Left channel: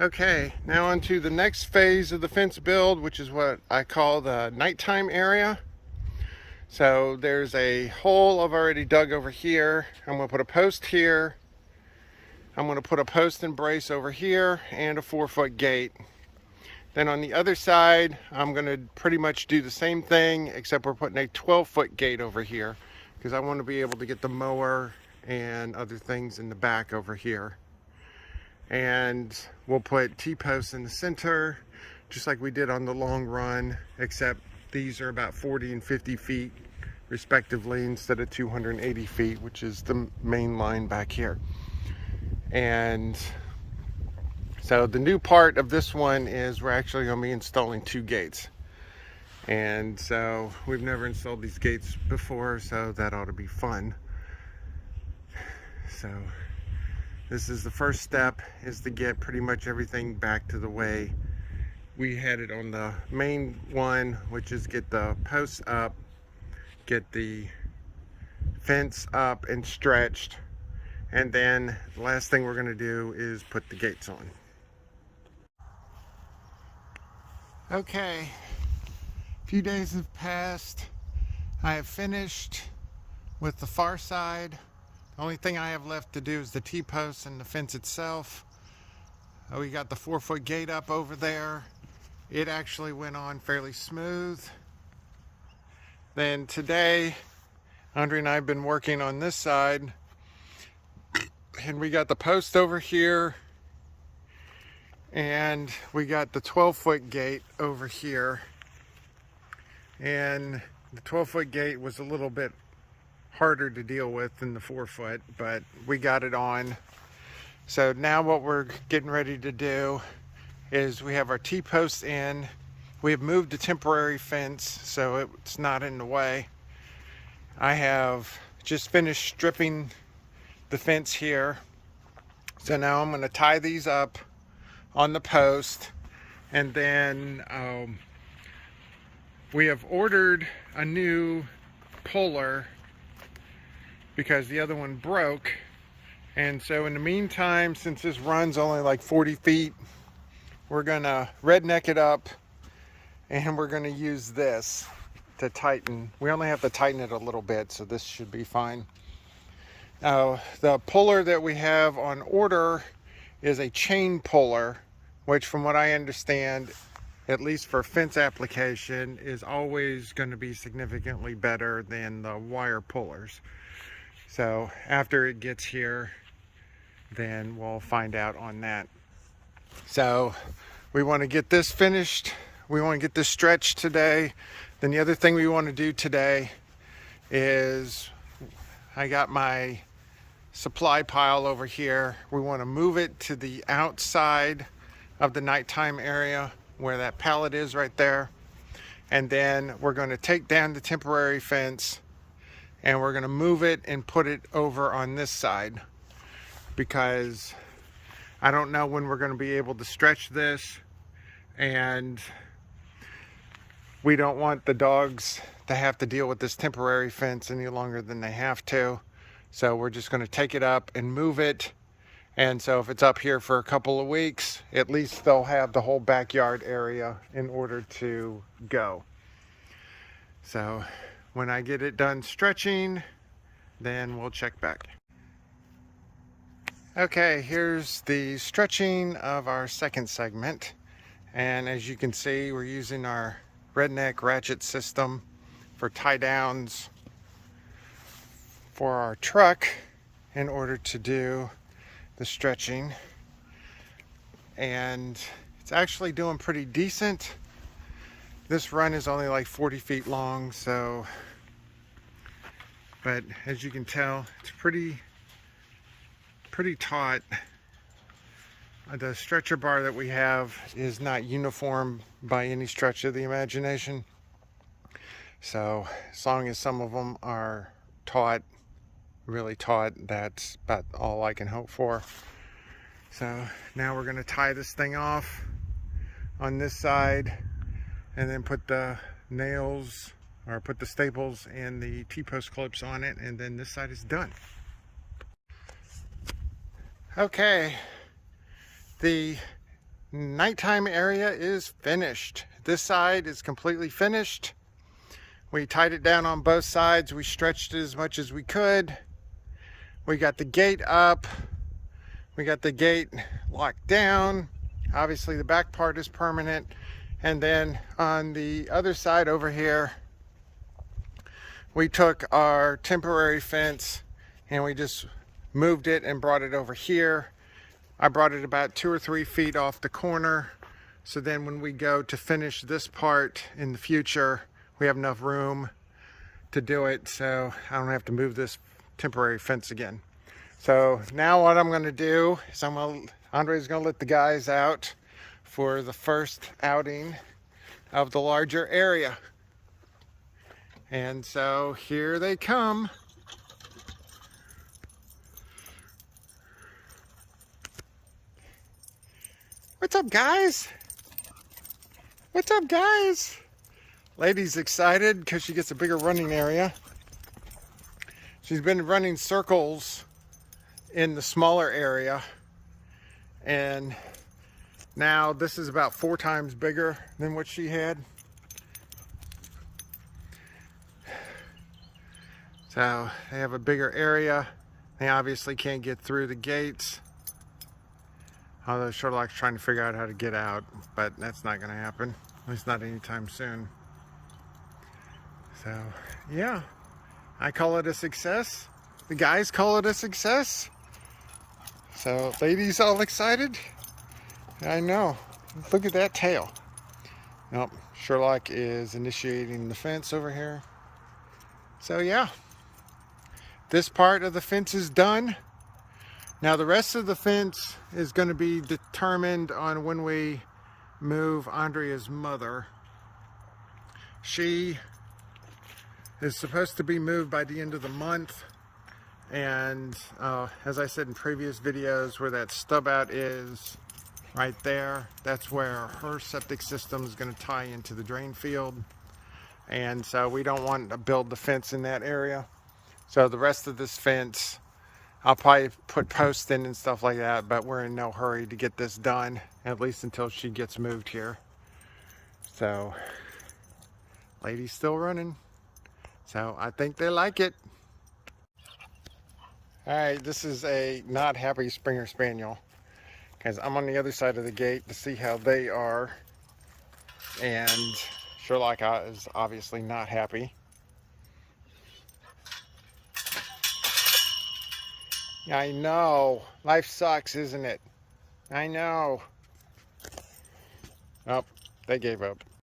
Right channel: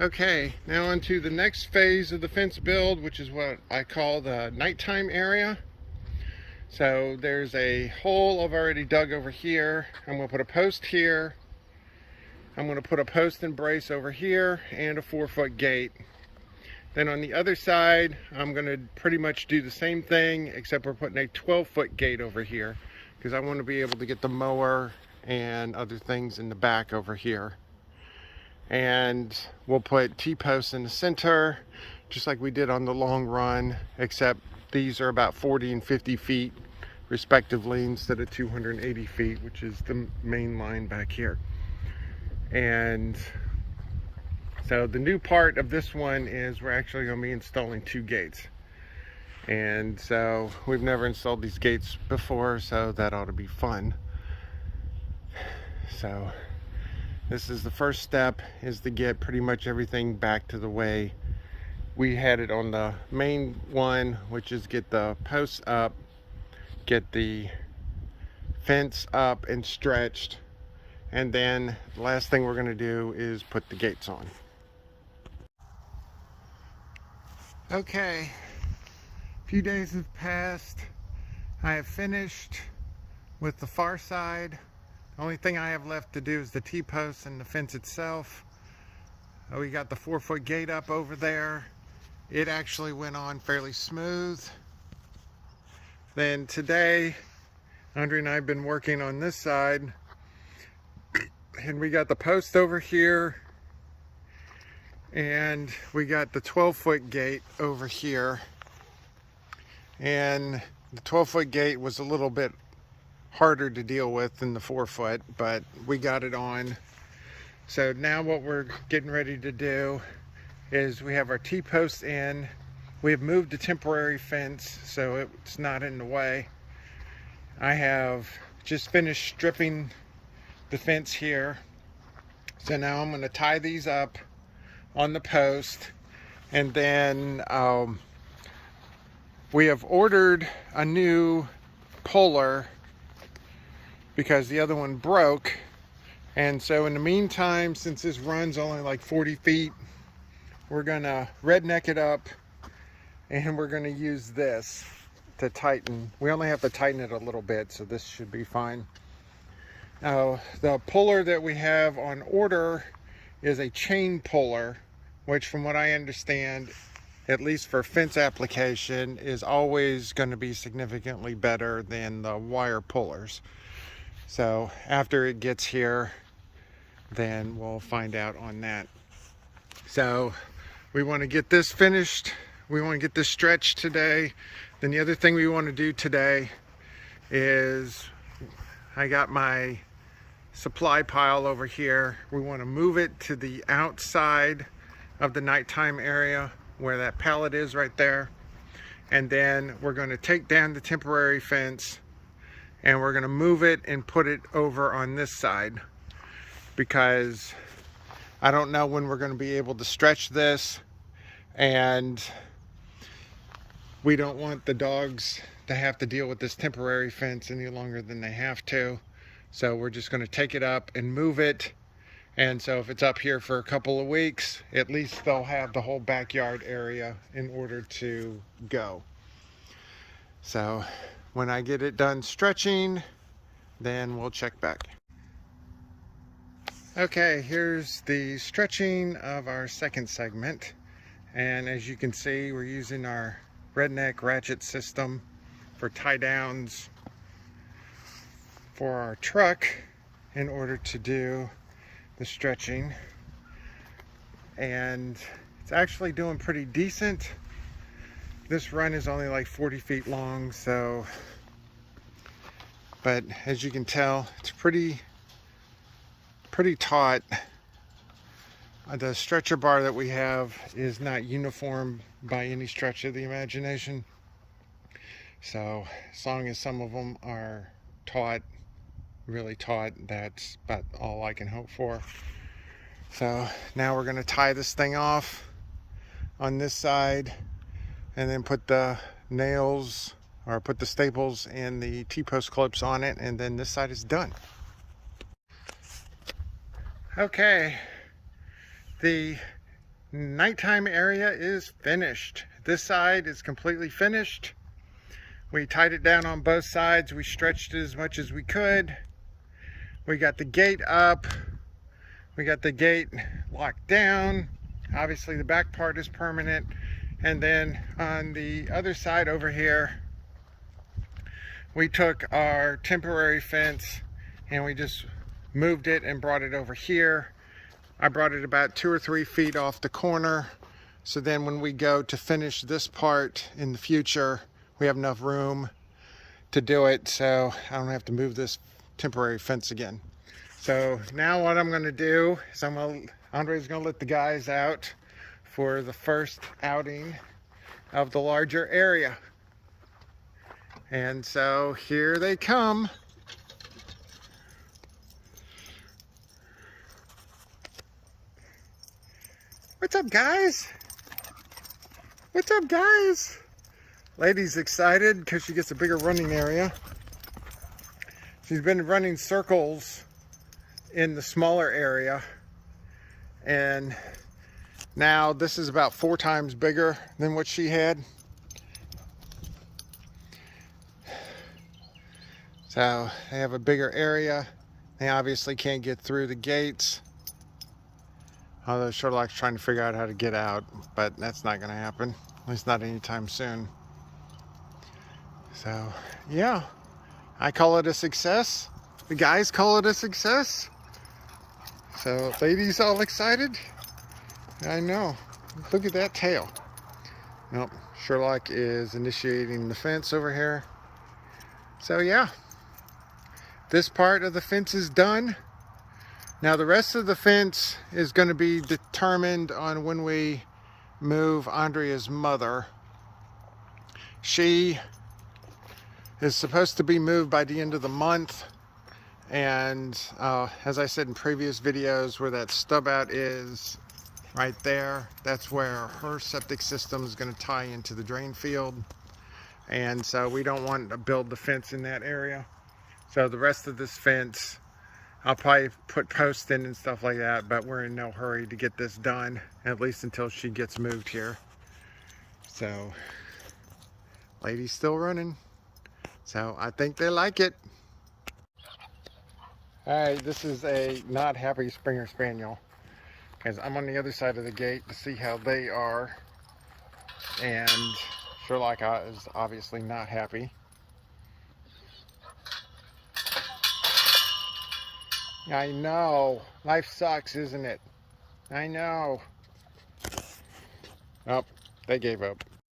Okay, now on to the next phase of the fence build, which is what I call the nighttime area. So there's a hole I've already dug over here. I'm going to put a post here. I'm going to put a post and brace over here and a 4-foot gate. Then on the other side, I'm going to pretty much do the same thing, except we're putting a 12-foot gate over here because I want to be able to get the mower and other things in the back over here. And we'll put T-posts in the center, just like we did on the long run, except these are about 40 and 50 feet respectively instead of 280 feet, which is the main line back here. And so the new part of this one is we're actually going to be installing 2 gates. And so we've never installed these gates before, so that ought to be fun. So this is the first step, is to get pretty much everything back to the way we had it on the main one, which is get the posts up, get the fence up and stretched, and then the last thing we're going to do is put the gates on. Okay, a few days have passed. I have finished with the far side. The only thing I have left to do is the T-posts and the fence itself. We got the 4-foot gate up over there. It actually went on fairly smooth. Then today, Andre and I have been working on this side, and we got the post over here, and we got the 12-foot gate over here. And the 12-foot gate was a little bit harder to deal with than the 4-foot, but we got it on. So now what we're getting ready to do is we have our T-posts in. We have moved the temporary fence so it's not in the way. I have just finished stripping the fence here. So now I'm going to tie these up on the post, and then we have ordered a new puller because the other one broke. And so in the meantime, since this run's only like 40 feet, we're gonna redneck it up, and we're gonna use this to tighten. We only have to tighten it a little bit, so this should be fine. Now, the puller that we have on order is a chain puller, which from what I understand, at least for fence application, is always going to be significantly better than the wire pullers. So after it gets here, then we'll find out on that. So we want to get this finished. We want to get this stretched today. Then the other thing we want to do today is, I got my supply pile over here. We want to move it to the outside of the nighttime area where that pallet is right there. And then we're going to take down the temporary fence, and we're going to move it and put it over on this side, because I don't know when we're going to be able to stretch this, and we don't want the dogs to have to deal with this temporary fence any longer than they have to. So we're just going to take it up and move it. And so if it's up here for a couple of weeks, at least they'll have the whole backyard area in order to go. So when I get it done stretching, then we'll check back. Okay, here's the stretching of our second segment. And as you can see, we're using our redneck ratchet system for tie downs for our truck in order to do the stretching. And it's actually doing pretty decent. This run is only like 40 feet long, so, but as you can tell, it's pretty taut. The stretcher bar that we have is not uniform by any stretch of the imagination. So as long as some of them are taut, really taut, that's about all I can hope for. So now we're going to tie this thing off on this side, and then put the nails, or put the staples and the T-post clips on it, and then this side is done. Okay, the nighttime area is finished. This side is completely finished. We tied it down on both sides. We stretched it as much as we could. We got the gate up. We got the gate locked down. Obviously the back part is permanent. And then on the other side over here, we took our temporary fence and we just moved it and brought it over here. I brought it about 2 or 3 feet off the corner. So then when we go to finish this part in the future, we have enough room to do it. So I don't have to move this temporary fence again. So now what I'm gonna do is Andre's gonna let the guys out for the first outing of the larger area. And so here they come. What's up, guys? What's up, guys? Lady's excited because she gets a bigger running area. She's been running circles in the smaller area, and now this is about 4 times bigger than what she had. So they have a bigger area. They obviously can't get through the gates, although Sherlock's trying to figure out how to get out, but that's not going to happen, at least not anytime soon. So yeah, I call it a success. The guys call it a success. So lady's all excited. I know. Look at that tail. Nope. Sherlock is initiating the fence over here. So yeah, this part of the fence is done. Now the rest of the fence is going to be determined on when we move Andrea's mother. She is supposed to be moved by the end of the month. And as I said in previous videos, where that stub out is right there, that's where her septic system is going to tie into the drain field. And so we don't want to build the fence in that area. So the rest of this fence, I'll probably put posts in and stuff like that, but we're in no hurry to get this done, at least until she gets moved here. So lady's still running. So I think they like it. All right, this is a not happy Springer Spaniel, because I'm on the other side of the gate to see how they are, and Sherlock is obviously not happy. I know, life sucks, isn't it? I know. Oh, they gave up.